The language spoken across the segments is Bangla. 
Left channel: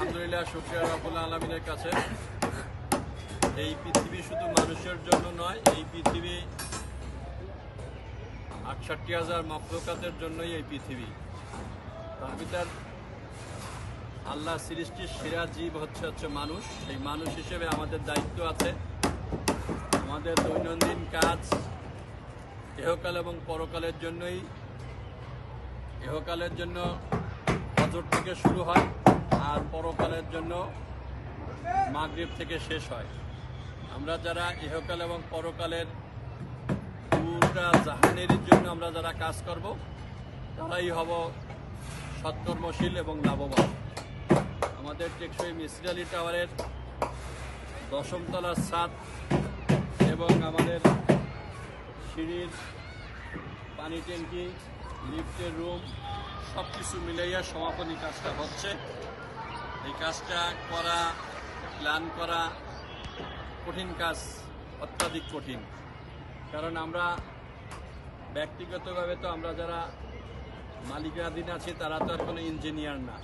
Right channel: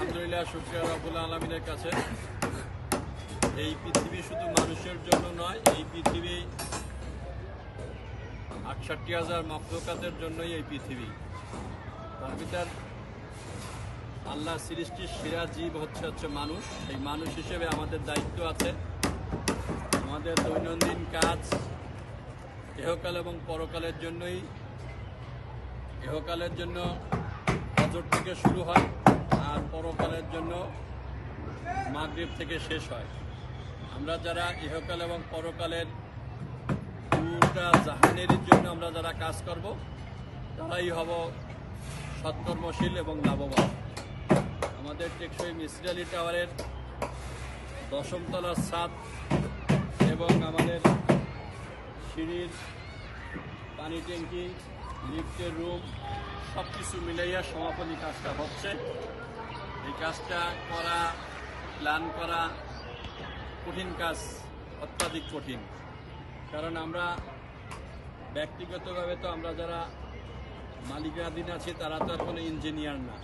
আলহামদুলিল্লাহ, শুক্রিয়া রাবুল আলমিনের কাছে। এই পৃথিবী শুধু মানুষের জন্য নয়, এই পৃথিবী আটষট্টি হাজার মফলকাতের জন্যই এই পৃথিবী। তার ভিতর আল্লাহ সৃষ্টির সেরা জীব হচ্ছে হচ্ছে মানুষ। সেই মানুষ হিসেবে আমাদের দায়িত্ব আছে। আমাদের দৈনন্দিন কাজ ইহকাল এবং পরকালের জন্যই। ইহকালের জন্য হজর থেকে শুরু হয়। আর পরকালের জন্য মাগরিব থেকে শেষ হয়। আমরা যারা ইহকাল এবং পরকালের পুরোটা জাহানের জন্য আমরা যারা কাজ করব, তারাই হব সৎকর্মশীল এবং লাভবান। আমাদের টেকসই মিসির আলী টাওয়ারের দশমতলার ছাদ এবং আমাদের সিঁড়ির পানি ট্যাঙ্কি, লিফটের রুম সব কিছু মিলাইয়া সমাপনী কাজটা হচ্ছে। এই কাজটা করা প্ল্যান করা কঠিন কাজ, অত্যাধিক কঠিন। কারণ আমরা ব্যক্তিগতভাবে তো আমরা যারা মালিকাধীন আছি, তারা তো আর কোনো ইঞ্জিনিয়ার না।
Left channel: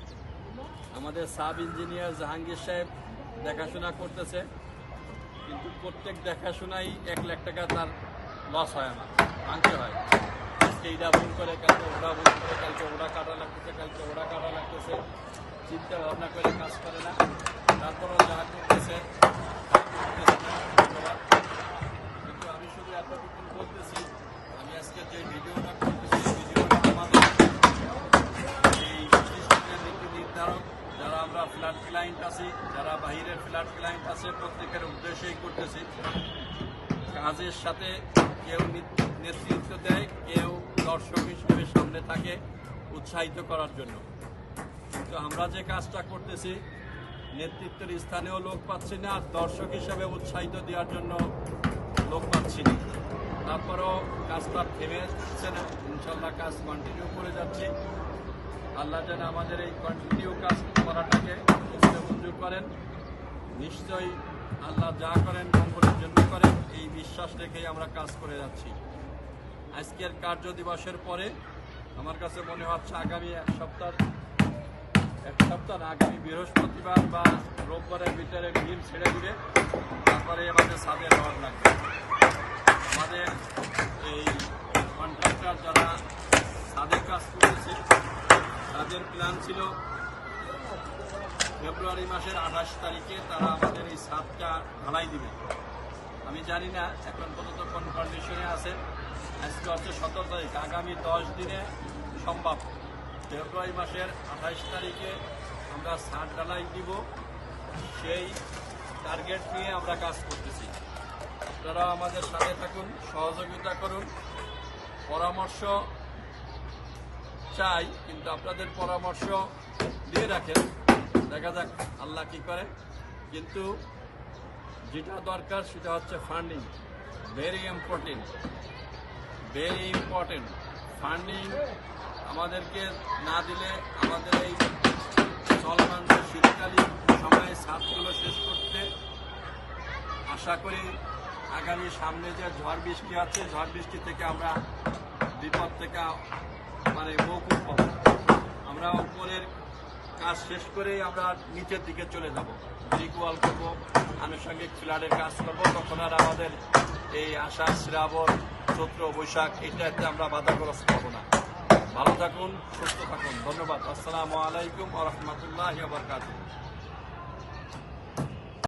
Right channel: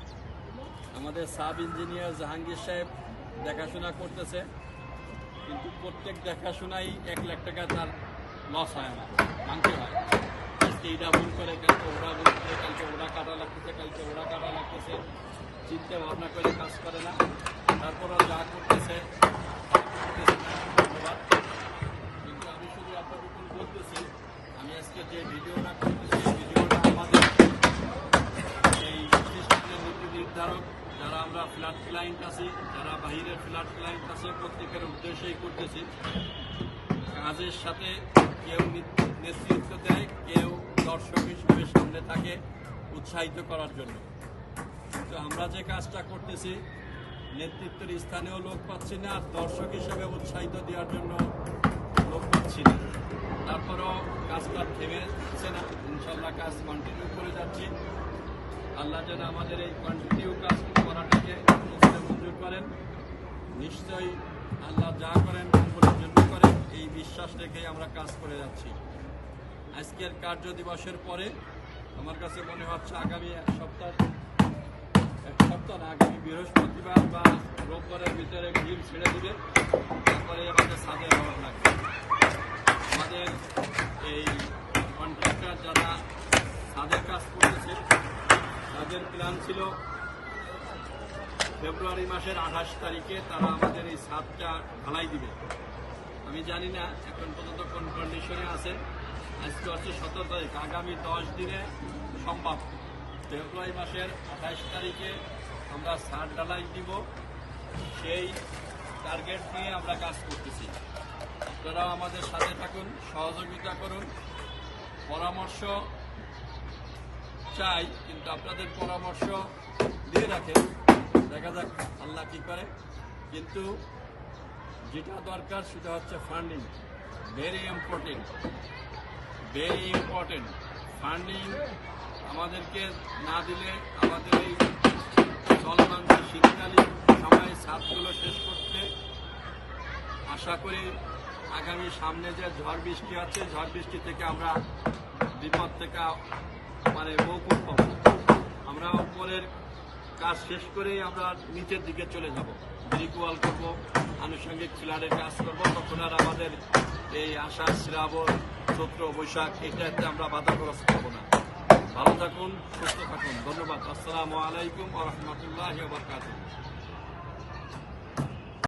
আমাদের সাব ইঞ্জিনিয়ার জাহাঙ্গীর সাহেব দেখাশোনা করতেছে, কিন্তু প্রত্যেক দেখাশোনাই এক লাখ টাকা তার লস হয় আমার ভাঙতে হয়। এইটা ভুল করে কালকে ওরা ভুল করে কালকে ওরা কাটা লাগতেছে কালকে ওরা কাটা লাগতেছে চিন্তা ভাবনা করে কাজ করে না। তারপরও যা করতেছে ধন্যবাদ। কিন্তু আমি শুধু এতটুকু বলতেছি আমি আজকে যে ভিডিওটা করতেছি ভিডিওটা আমাদের। এই নীতি নির্ধারণ যারা আমরা ফ্ল্যাট ক্লায়েন্ট আছি, যারা বাহিরের ফ্ল্যাট ক্লায়েন্ট আছে, প্রত্যেকের উদ্দেশ্যেই করতেছি। কাজের সাথে কেউ নেতৃত্ব থাকে উৎসাহিত করার জন্য। কিন্তু আমরা যে কাজটা করতেছি, নেতৃত্বের স্থানেও লোক পাচ্ছি না, আর দর্শক হিসাবে উৎসাহিত দেওয়ার জন্য লোক পাচ্ছি না। তারপরও কাজটা থেমে থাকছে না। ইনশাল্লাহ কাজ কন্টিনিউ করে যাচ্ছি। আল্লাহ যেন আমাদের এই কন্টিনিউ কাজ করাটাকে মঞ্জুর করেন। নিশ্চয়ই আল্লাহ যা করেন মঙ্গলের জন্য করেন, এই বিশ্বাস রেখেই আমরা কাজ করে যাচ্ছি। আজকের কার্য দিবসের পরে আমার কাছে মনে হচ্ছে আগামী এক সপ্তাহ এক সপ্তাহ আগামী বৃহস্পতিবার বা রোববারের ভিতরে ডিম ছেড়ে দিবে। তারপরে আমাদের সামনে হওয়ার লাগবে। আমাদের এই কন্ট্রাক্টর যারা তাদের কাজ করেছে, তাদের প্ল্যান ছিল ফেব্রুয়ারি মাসের আঠাশ তারিখে তারা আমাদের এই ছাদটা ঢালাই দিবে। আমি জানি না, এখন পর্যন্ত কোন কন্ডিশনে আছে। আজকে হচ্ছে সতেরো তারিখ। আগামী দশ দিনে সম্ভব। ফেব্রুয়ারি মাসের আঠাশ তারিখে আমরা ছাদ ডালাই দিব। সেই টার্গেট নিয়ে আমরা কাজ করতেছি। আপনারা আমাদের সাথে থাকুন, সহযোগিতা করুন। পরামর্শ চাই, কিন্তু আপনাদের পরামর্শ দিয়ে রাখেন। দেখা যাক আল্লাহ কি করে। কিন্তু যেটা দরকার সেটা হচ্ছে funding very important very important funding আমাদেরকে না দিলে আমাদের এই চলমান শীতকালীন সময়ে ছাদগুলো শেষ করতে আশা করি আগামী সামনে যে ঝড় বৃষ্টি আছে, ঝড় বৃষ্টি থেকে আমরা বিপদ থেকে মানে মৌকুব পাব আমরা উপরের কাজ শেষ করেই আমরা নিচের দিকে চলে যাব। ব্রিক ওয়াল করব, আনুষঙ্গিক ফ্ল্যাটের কাজ করব। তখন আর আমাদের এই আষাঢ় শ্রাবণ চৈত্র বৈশাখ এটাকে আমরা বাধাগ্রস্ত হব না। ভালো থাকুন, সুস্থ থাকুন। ধন্যবাদ। আসসালামু আলাইকুম আ রহমতুল্লাহ